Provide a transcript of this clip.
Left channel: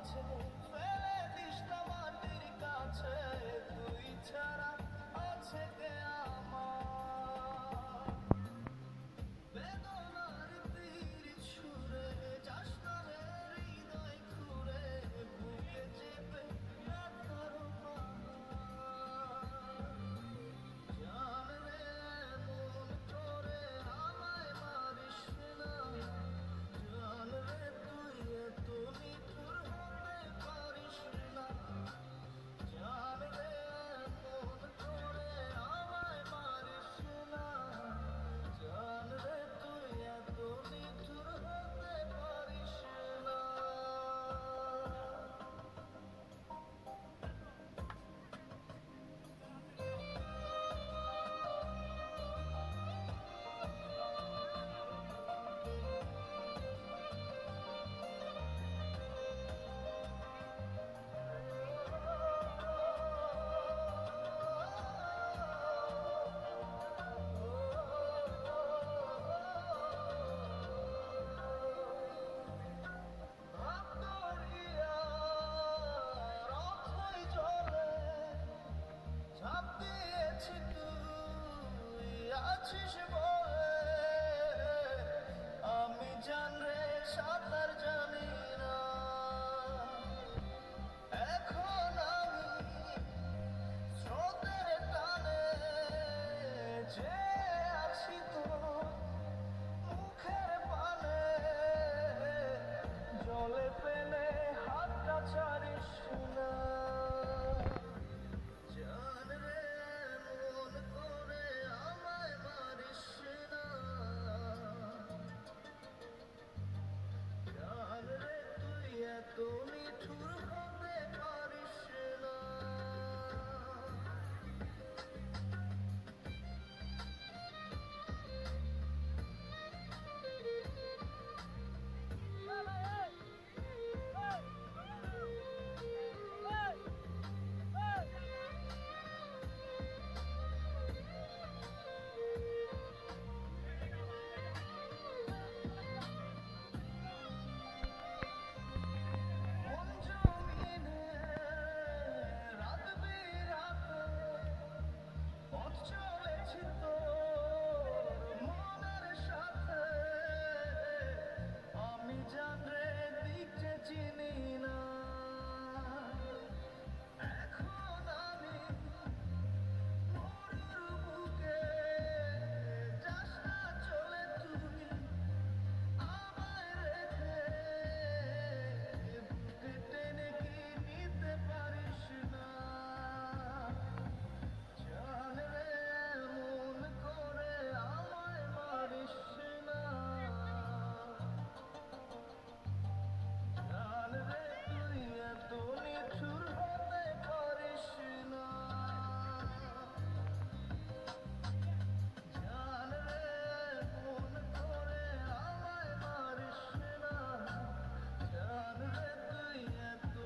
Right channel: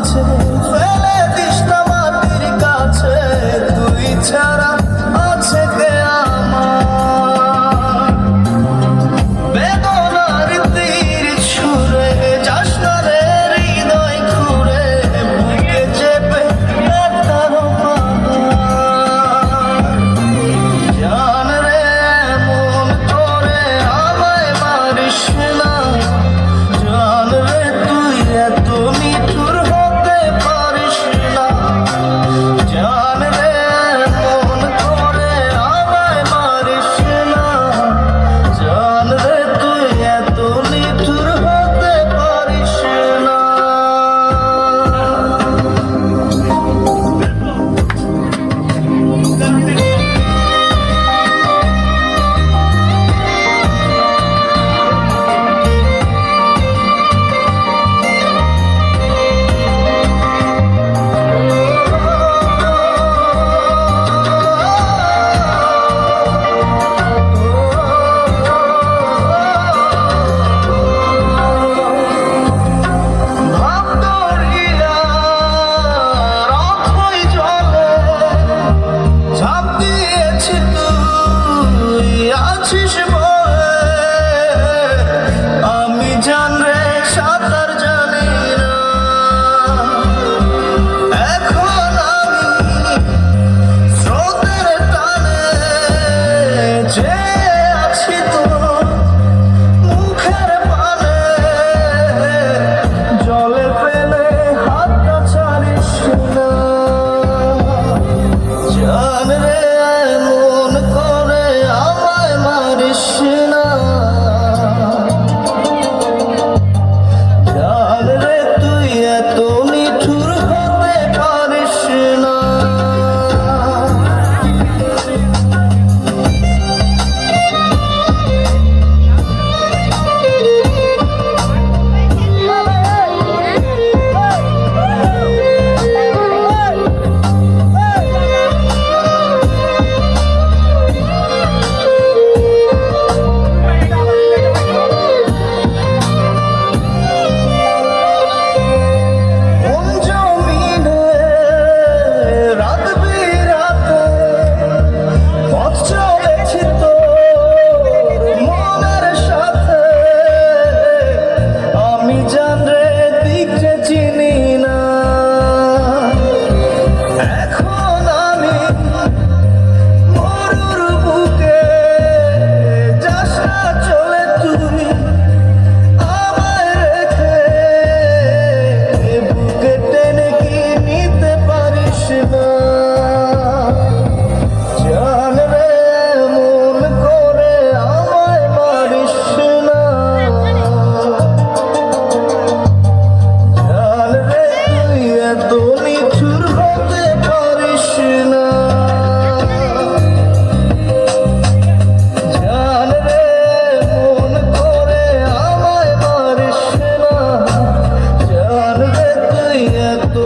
মাঝে ফেলে দিস না মাটির কাছে, তুই ছাড়া আছে কে আমার? বেদনার তীর ছুঁড়ে যাস না রে হৃদয় খুঁড়ে, বুকে চেপে ব্যথার পাহাড়। জান রে এমন করে আমায় মারিস না, জান রে তুই এত নিঠুর হতে পারিস না। জান রে এমন করে আমায় মারিস না, জান রে তুই এত নিঠুর হতে পারিস না। ঝাঁপ দিয়েছি তুই আছিস বলে, আমি জান রে সাঁতার জানি না। এখন আমি স্রোতের টানে যে আছি তোর মুখের পানে, জলে ফেলে হাতটা ছাড়িস না। জান রে এমন করে আমায় মারিস না, জান রে তুই এত নিঠুর হতে পারিস না। জান রে এমন করে আমায় মারিস না, জান রে তুই এত নিঠুর হতে পারিস না। জান রে এমন করে আমায় মারিস না, জান রে তুই এত